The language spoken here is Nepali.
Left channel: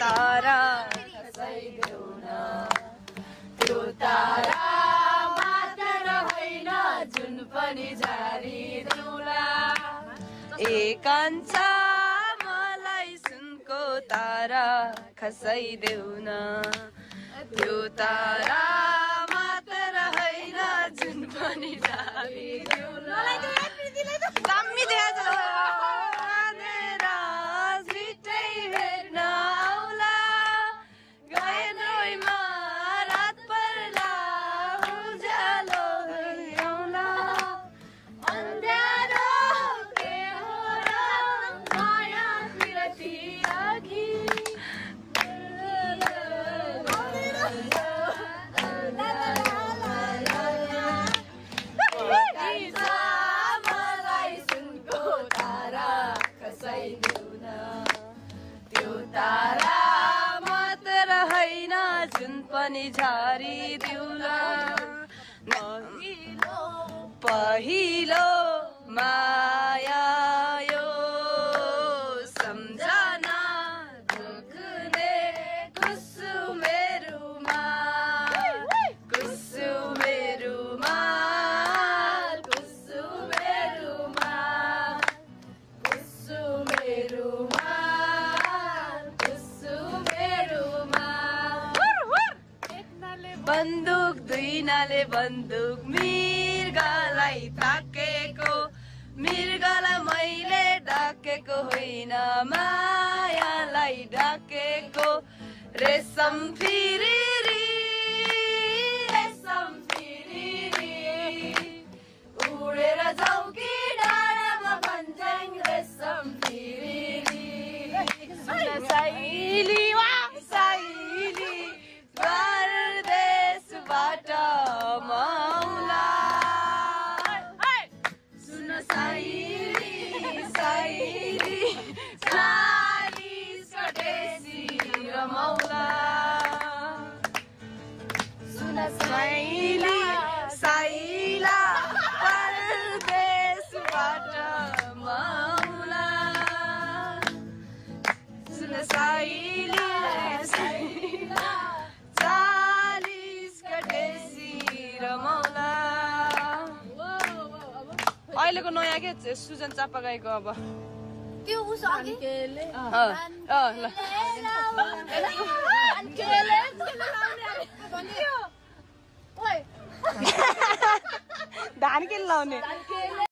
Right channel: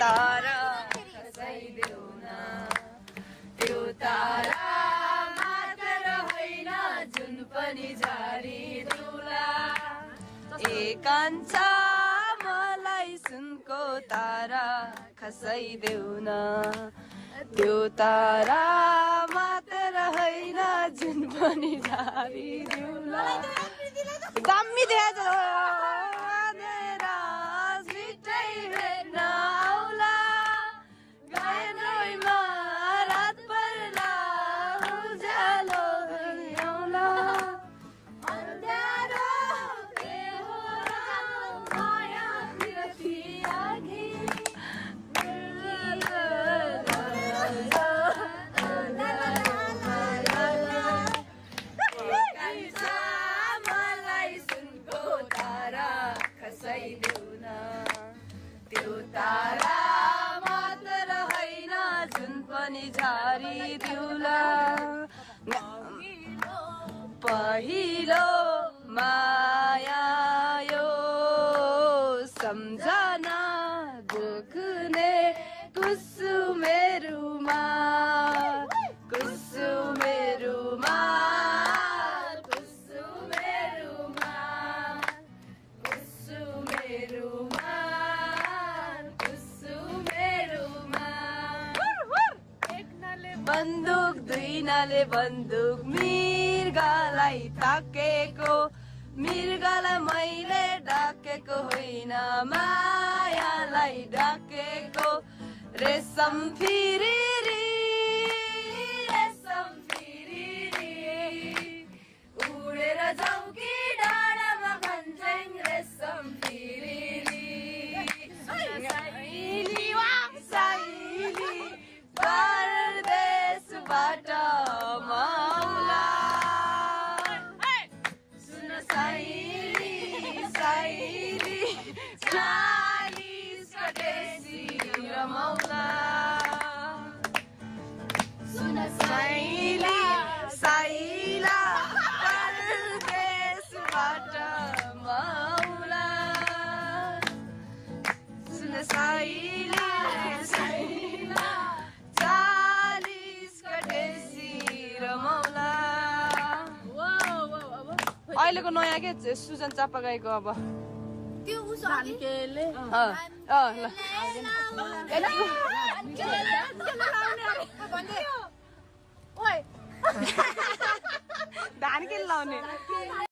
तारा खसाइदेऊ न त्यो तारा मात्र होइन जुन पनि झारिदेऊला ए कान्छा मलाई सुनको तारा खसाइदेऊ न त्यो तारा मात्र होइन जुन पनि झारिदेऊला दामी देखाएको छिटै हेर्न आउला गएन रोइमा रात पर्ला उज्यालो आउला अन्ध्यारो के हो र माया बिरती राखी मलाई सुनको तारा खसाइदेऊ न त्यो तारा मात्र होइन जुन पनि झारिदेऊला पहिलो माया यो सम्झना दुख्ने कुसुमेरुमा कुसुमेरुमा बन्दुक दुईनाले बन्दुक मृगलाई ताकेको मृगलाई मैले डाकेको होइन मायालाई डाकेको रेशम फिरिरी उडेर जाऊ कि डाँडामा भन्छन् रेशम फिरिरी साइली वा साइली परदेशबाट माउला सुन साइली साइली 40 कटेसी रमाउला सुन साइली साइला परदेशबाट माउला सुन साइली साइला 40 कटेसी रमाउला अहिलेको नयाँ के सुजन चापा गाईको अब त्यो धान के लाउने